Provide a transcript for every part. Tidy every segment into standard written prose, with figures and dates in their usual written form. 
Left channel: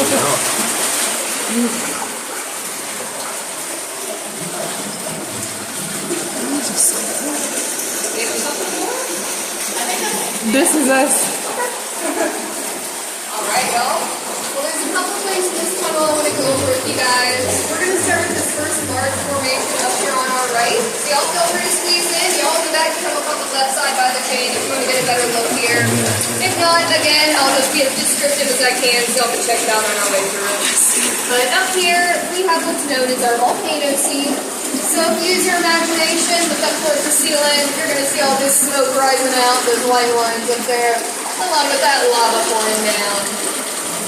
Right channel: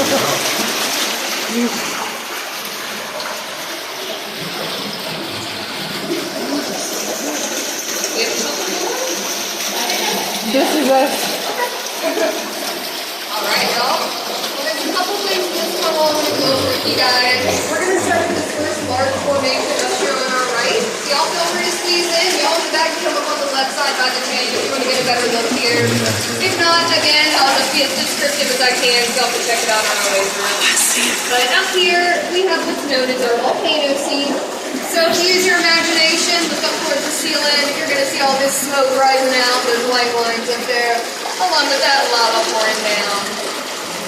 This is us. Alright, y'all. Well, there's a couple things in this tunnel I want to go over with you guys. We're going to start with this first large formation up here on our right. So y'all feel free to squeeze in. Y'all in the back can come up on the left side by the chain if you want to get a better look here. If not, again, I'll just be as descriptive as I can so y'all can check it out on our way through. But up here, we have what's known as our volcano seed. So if you use your imagination, look up towards the ceiling, you're going to see all this smoke rising out, those white lines up there, along with that lava pouring down.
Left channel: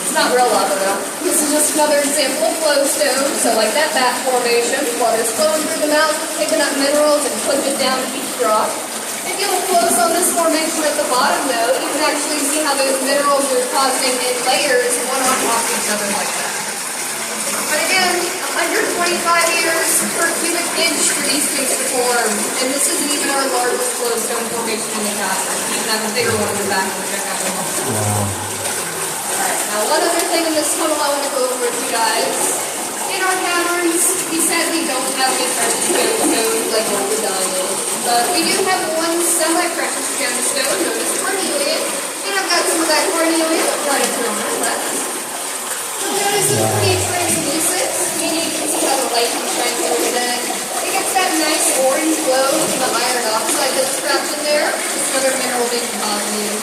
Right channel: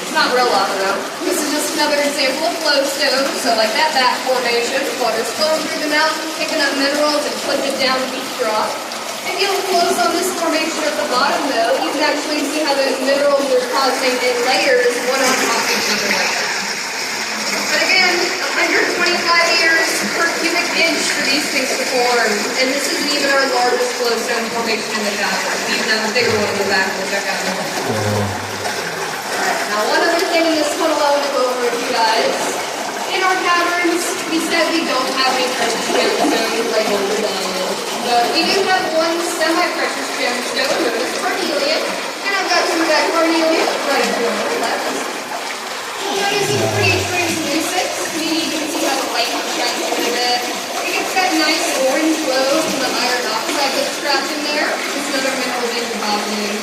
It's not real lava though. This is just another example of flow stone. So like that back formation, water's flowing through the mountain, picking up minerals and putting it down to each rock. If you look close on this formation at the bottom though, you can actually see how those minerals are causing in layers one on top of each other like that. But again, 125 years per cubic inch for these things to form, and this isn't even our largest flowstone formation in the cavern. You have a bigger one in the back to check out now. Alright, now one other thing in this tunnel I want to go over with you guys. In our caverns, we said we don't have any precious gemstones like gold and diamond, but we do have one semi-precious gemstone known as carnelian, and I've got some of that carnelian right up here on the left. You'll notice it's pretty translucent, meaning you can see how the light comes shining through it. It gets that nice orange glow from the iron oxide that's trapped in there. It's another mineral being deposited.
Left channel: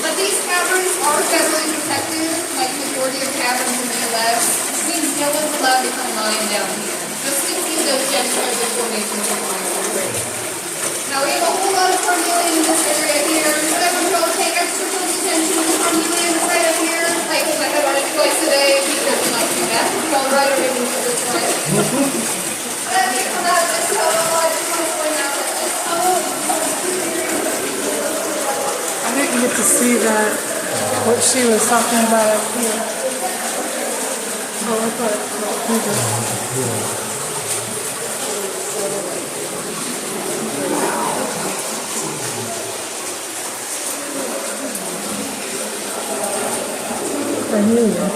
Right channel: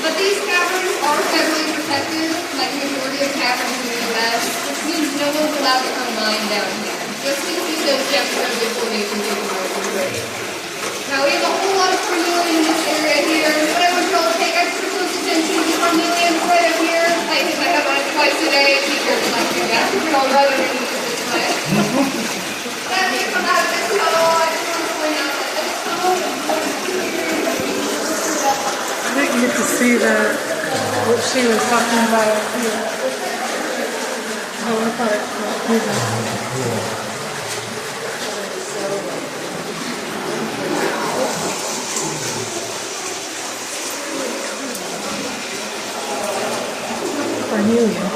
But these caverns are federally protected, like the majority of caverns in the U.S., which means no one's allowed to come mine down here. Just to see those gemstones and formations in the mine. Now we have a whole lot of carnelian in this area here, but I want you all to pay extra close attention to the carnelian right up here. I hit my head on it twice a day. Be careful not to do that. You'd all rather make it this way. That's it from out of this tunnel. I just want to point out that this tunnel. I didn't get to see that, what she was talking about up here. Oh, I thought it was carnelian.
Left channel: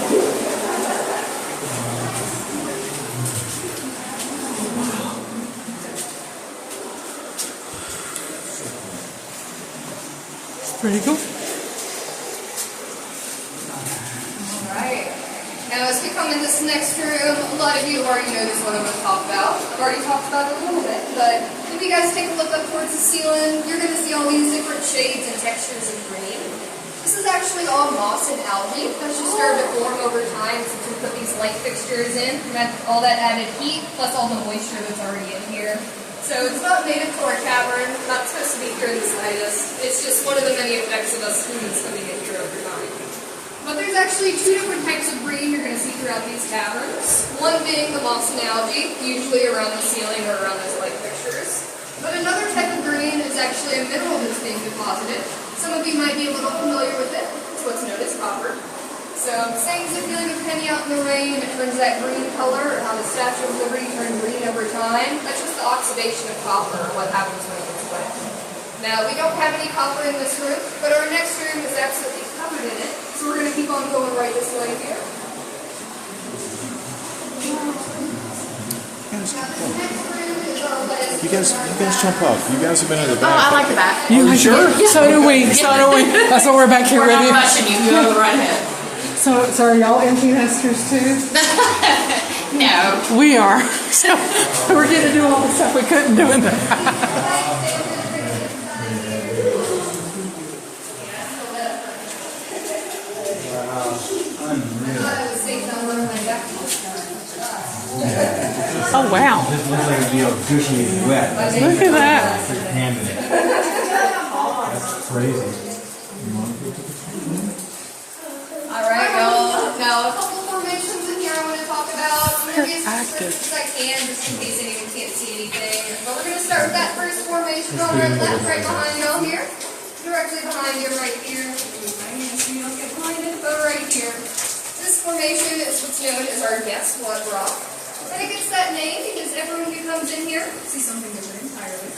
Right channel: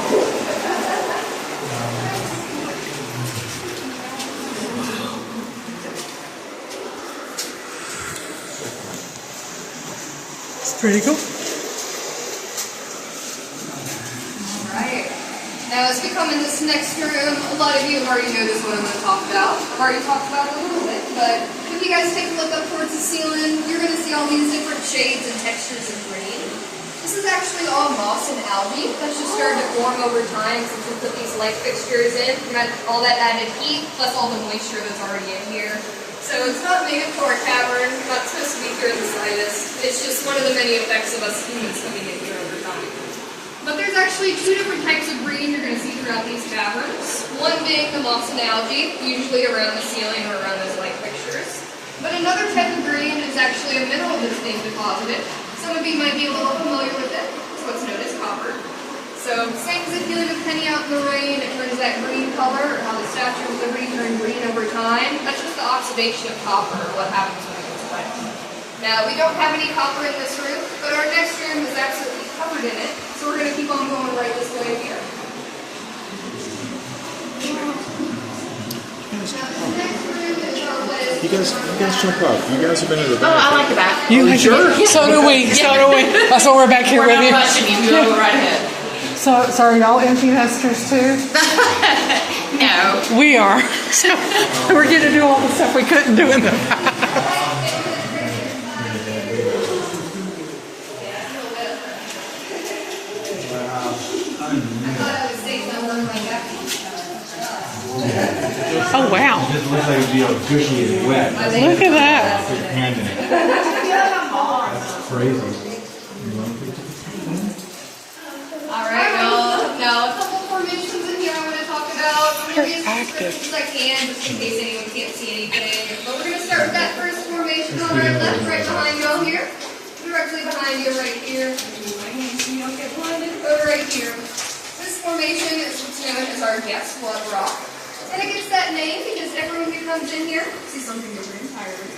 It's pretty cool. Alright. Now as we come in this next room, a lot of you already know this one I'm going to talk about. I've already talked about it a little bit, but if you guys take a look up towards the ceiling, you're going to see all these different shades and textures of green. This is actually all moss and algae that's just started to form over time since we put these light fixtures in. We got all that added heat, plus all the moisture that's already in here. So it's not native to our cavern, not supposed to be here in the slightest. It's just one of the many effects of us humans coming in here over time. But there's actually two different types of green you're going to see throughout these caverns. One being the moss and algae, usually around the ceiling or around those light fixtures. But another type of green is actually a mineral that's being deposited. Some of you might be a little familiar with it. It's what's known as copper. So, same as if you leave a penny out in the rain, it turns that green color, or how the Statue of Liberty turned green over time. That's just the oxidation of copper, what happens when it gets wet. Now, we don't have any copper in this room, but our next room is absolutely covered in it. So we're going to keep on going right this way here. You guys jump up. You guys have been in the back. Oh, I like the back. You sure? So do we. So do we. That's why we're back here We're with not you. rushing you. You go right ahead. So are y'all empty nesters too? No. We are. So we're getting to do all the stuff we couldn't do in the past. Oh wow! It just looks like it'd be all gushy and wet. Look at that. Put your hand in it. That's crazy. Alright, now a couple formations in here I want to talk about. I'm going to be as descriptive as I can, just in case anyone can't see anything. But we're going to start with that first formation on our left, right behind y'all here. Directly behind you, right here. So you don't get blinded. Go right here. This formation is what's known as our guess what rock. And it gets that name because everyone who comes in here sees something different entirely.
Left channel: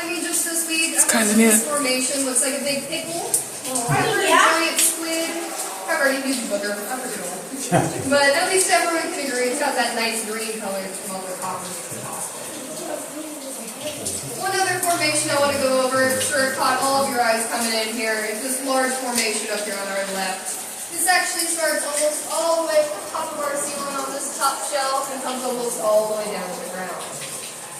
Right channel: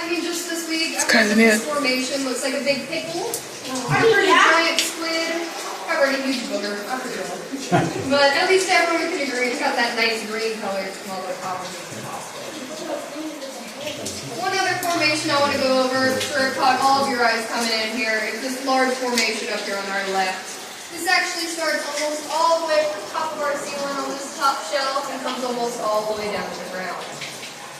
I mean, just this week, this formation looks like a big pickle, a giant squid. I've already used booger. But at least everyone can agree it's got that nice green color to all the caverns. One other formation I want to go over, I'm sure it caught all of your eyes coming in here, is this large formation up here on our left. This actually starts almost all the way from the top of our ceiling on this top shelf and comes almost all the way down to the ground.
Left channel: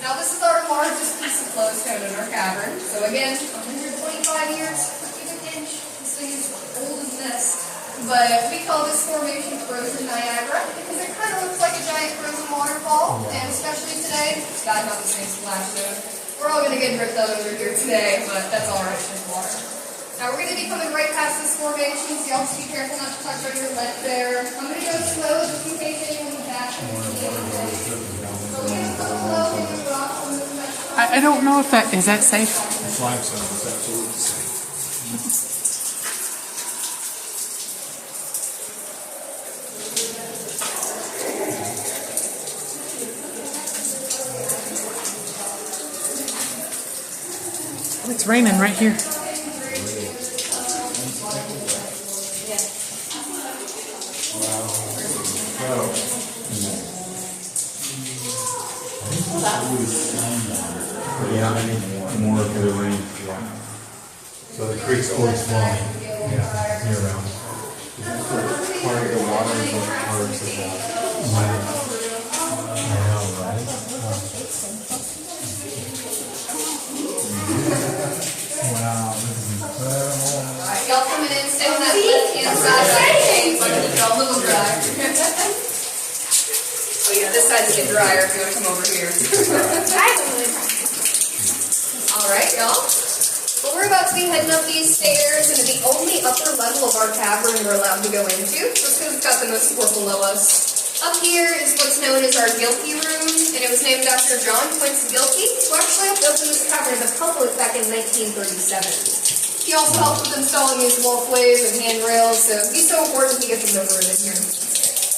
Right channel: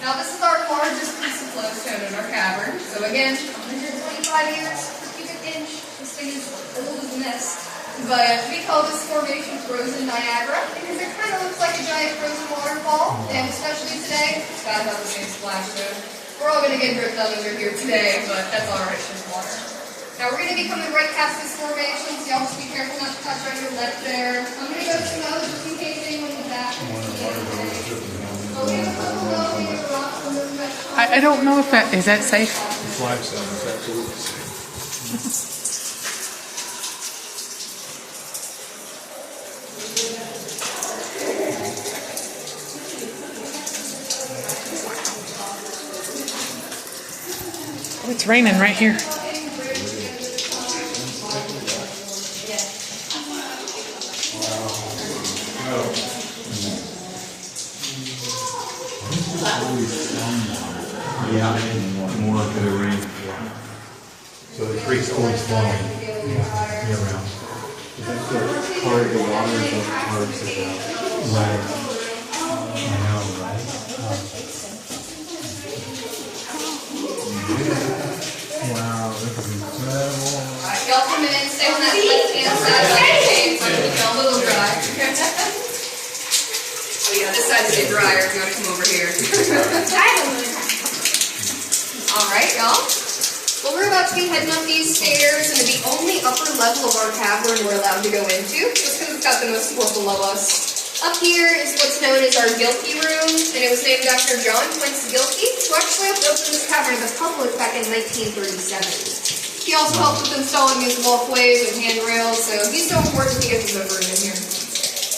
Now this is our largest piece of flowstone in our cavern. So again, 125 years per cubic inch. This thing is old as mist. But we call this formation Frozen Niagara because it kind of looks like a giant frozen waterfall. And especially today, the sky level is going to splash through. We're all going to get dripped under here today, but that's alright, it's just water. Now we're going to be coming right past this formation, so y'all just be careful not to touch on your left there. I'm going to go slow just in case anyone in the back. I don't know if that is that safe. It's limestone, it's absolutely safe. It's raining right here. Yeah, I think more of the rain. So the creek's always flowing year round. Part of the water is like parts of that. Right. I know, right? Wow, this is incredible. Alright, y'all come in, stay on that left-hand side like the chains, so keep y'all a little dry. Oh yeah, this side's a bit drier if you want to come over here. Alright, y'all. Well, we're about to be heading up these stairs into the only upper level of our cavern we're allowed to go into, just because it's got the most support below us. Up here is what's known as our Gilkey room, and it was named after John Quincy Gilkey, who actually opened this cavern to the public back in 1937. He also helped with installing these walkways and handrails, so he's so important to get his over in here.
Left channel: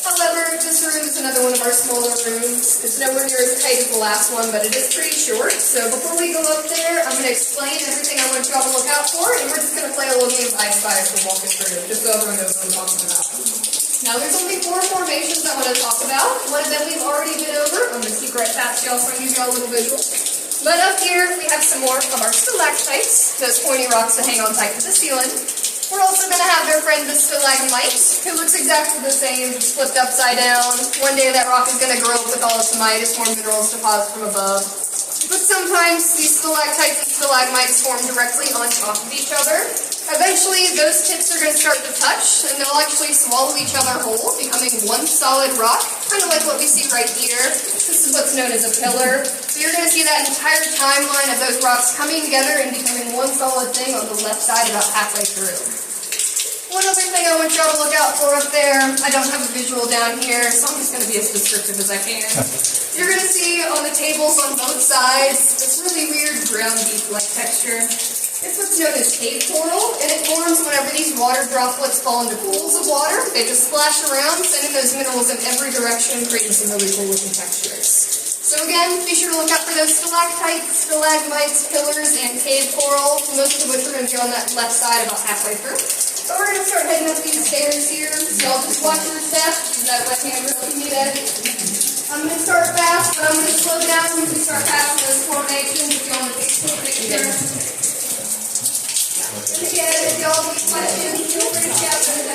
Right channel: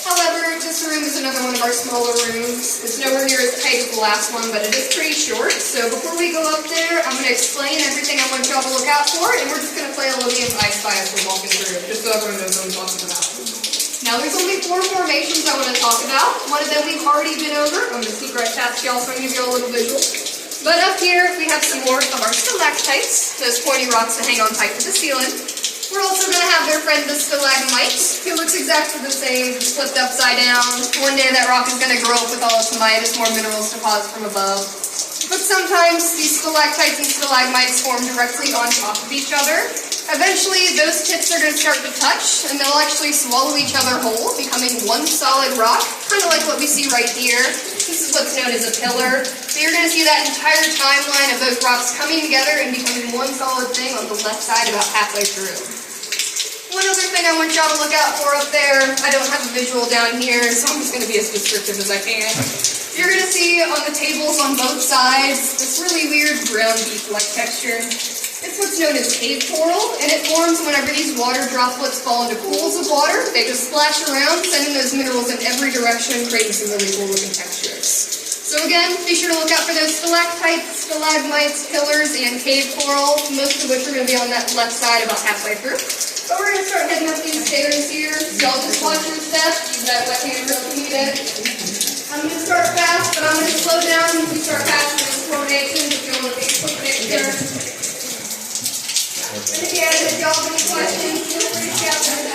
However, this room is another one of our smaller rooms. It's nowhere near as tight as the last one, but it is pretty short. So before we go up there, I'm going to explain everything I want y'all to look out for, and we're just going to play a little game of I Spy as we're walking through, just so everyone knows what I'm talking about. Now, there's only 4 formations I want to talk about. One of them we've already been over. I'm going to sneak right past y'all so I can give y'all a little visual. But up here, we have some more of our stalactites, those pointy rocks that hang on tight to the ceiling. We're also going to have their friend the stalagmite, who looks exactly the same, just flipped upside down. One day that rock is going to grow up with all its might as more minerals deposit from above. But sometimes these stalactites and stalagmites form directly on top of each other. Eventually, those tips are going to start to touch, and they'll actually swallow each other whole, becoming one solid rock, kind of like what we see right here. This is what's known as a pillar. So you're going to see that entire timeline of those rocks coming together and becoming one solid thing on the left side about halfway through. One other thing I want y'all to look out for up there, I don't have a visual down here, so I'm just going to be as descriptive as I can. You're going to see on the tables on both sides this really weird brown beef-like texture. It's what's known as cave coral, and it forms whenever these water droplets fall into pools of water. They just splash around, sending those minerals in every direction, creating some really cool looking textures. So again, be sure to look out for those stalactites, stalagmites, pillars, and cave coral, most of which are going to be on that left side about halfway through. So we're going to start heading up these stairs here. So y'all just watch your step. Use that left hand real if you need it. I'm going to start fast, but I'm going to slow down as we start passing this formation. Just go on the big foot there. And again, if y'all have any questions, feel free to shout them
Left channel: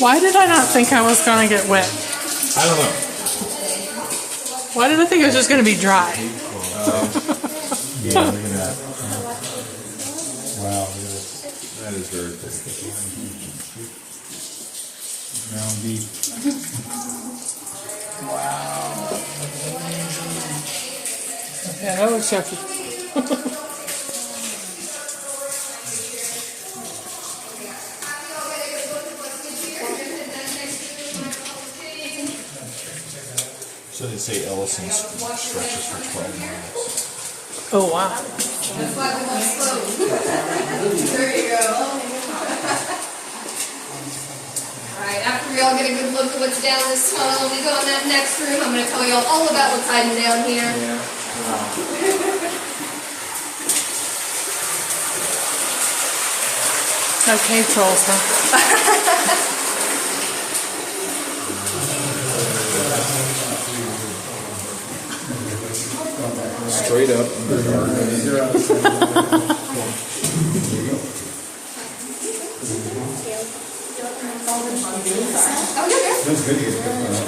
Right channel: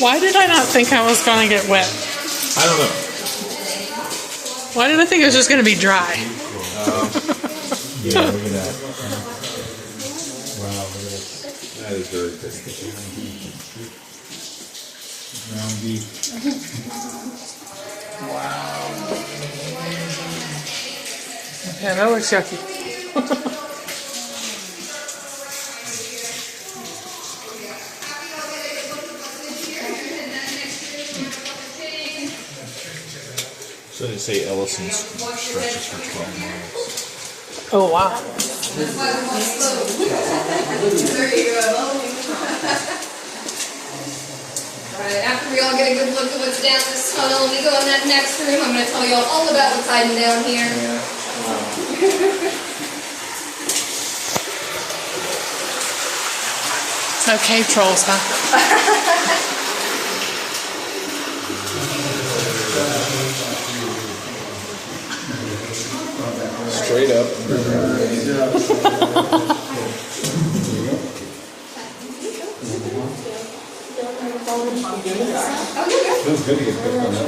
Why did I not think I was going to get wet? I don't know. Why did I think it was just going to be dry? Yeah, look at that. Wow, look at this. That is very good. Ground beef. Yeah, that looks yucky. So they say Ellison stretches for 12 miles. Oh, wow. There you go. we all get a good look at what's down this tunnel. We go in that next room. I'm going to tell you all about what's hiding down here. No cave trolls, huh? Straight up. Feels good to get put on that.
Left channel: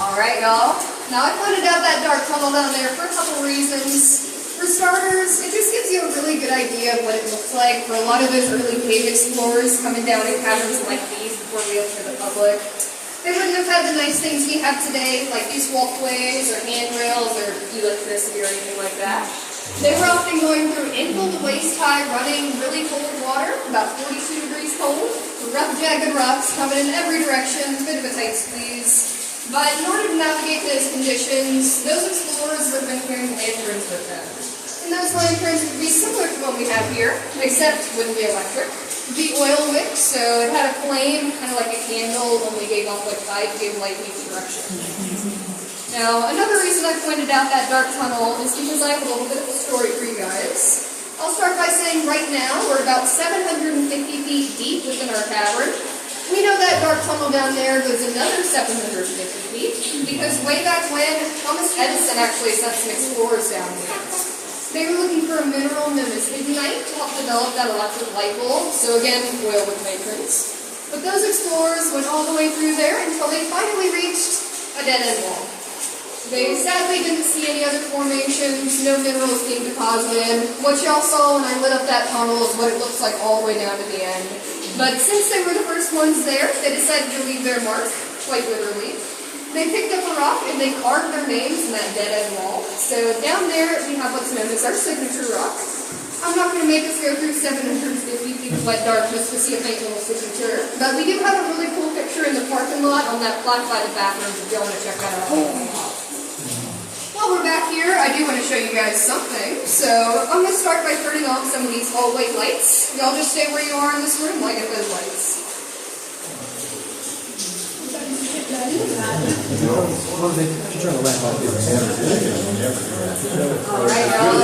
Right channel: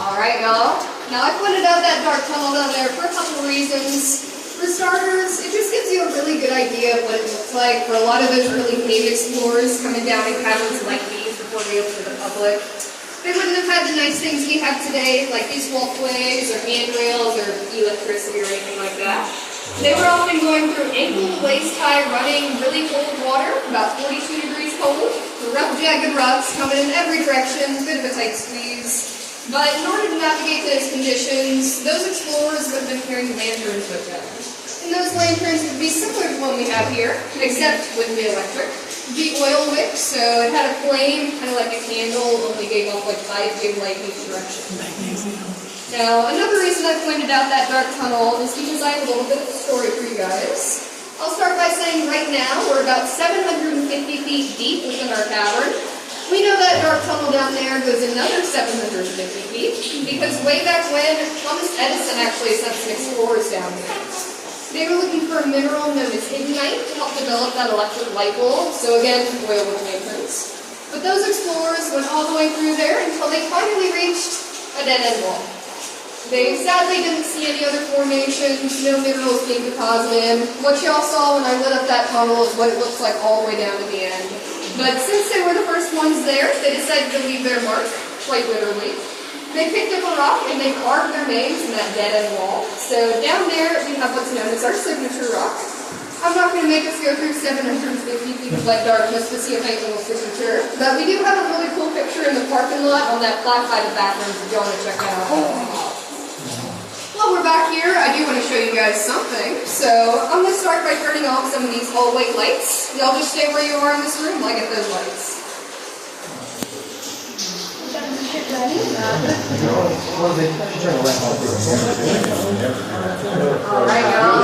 All right, y'all. Now, I pointed out that dark tunnel down there for a couple reasons. For starters, it just gives you a really good idea of what it looks like for a lot of those early cave explorers coming down in caverns like these before they opened to the public. They wouldn't have had the nice things we have today, like these walkways or handrails or electricity or anything like that. They were often going through ankle to waist high, running really cold water, about 42 degrees cold, rough, jagged rocks coming in every direction, a bit of a tight squeeze. But in order to navigate those conditions, those explorers would have been carrying lanterns with them. And those lanterns would be similar to one we have here, except wouldn't be electric. It would be oil wick, so it had a flame, kind of like a candle, only gave off like 5 gig light in each direction. Now, another reason I pointed out that dark tunnel is because I have a little bit of a story for you guys. I'll start by saying right now we're about 750 feet deep within our cavern. We know that dark tunnel down there goes another 750 feet because way back when, Thomas Edison actually sent some explorers down there. They were looking for a mineral known as lignite to help develop that electric light bulb, so again, oil with lanterns. But those explorers went all the way through there until they finally reached a dead-end wall. They sadly didn't see any other formations, no minerals being deposited. What y'all saw when I lit up that tunnel is what it looks like all the way down to the end. But since they were the first ones there, they decided to leave their mark, quite literally. They picked up a rock and they carved their names in that dead-end wall. So down there we have what's known as our signature rock. I'm not going to make us go through 750 feet of wet darkness to see if anything will signature, but we do have a really cool picture in the parking lot on that black-sided bathroom if you want to check that out. While we're back here, I do want to show you guys something. So I'm going to start by turning off some of these hallway lights. Y'all just stay where you are in this room while I get those lights. Alright, y'all.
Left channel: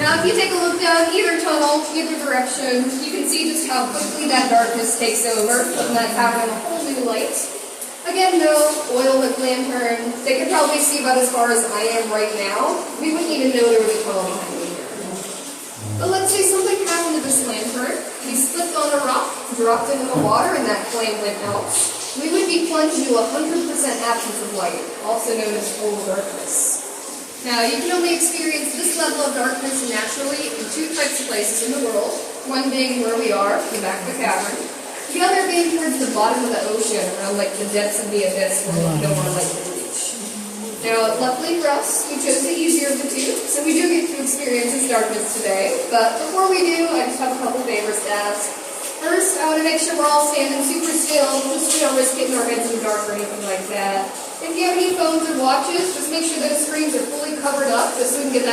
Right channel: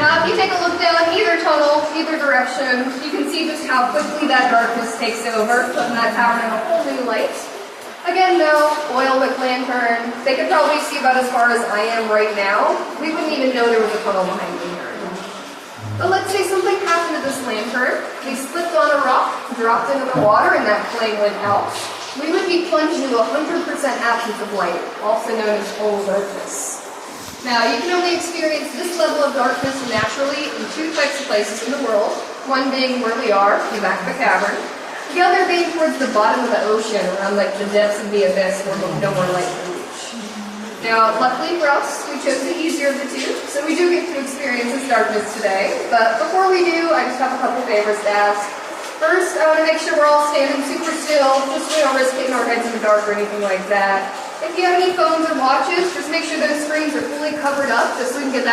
Now if you take a look down either tunnel, either direction, you can see just how quickly that darkness takes over, putting that tower in a whole new light. Again, though, oil with lantern, they could probably see about as far as I am right now. We wouldn't even know there was a tunnel behind me here. But let's say something happened to this lantern. We slipped on a rock, dropped into the water, and that flame went out. We would be plunged into 100% absence of light, also known as total darkness. Now, you can only experience this level of darkness naturally in 2 types of places in the world, one being where we are, in the back of the cavern, the other being towards the bottom of the ocean, around like the depths of the abyss where no more light can reach. Now, luckily for us, we chose the easier of the two, so we do get to experience this darkness today. But before we do, I just have a couple favors to ask. First, I want to make sure we're all standing super still, just so we don't risk getting our heads in the dark or anything like that. If you have any phones or watches, just make sure those screens are fully covered up, just so we can get that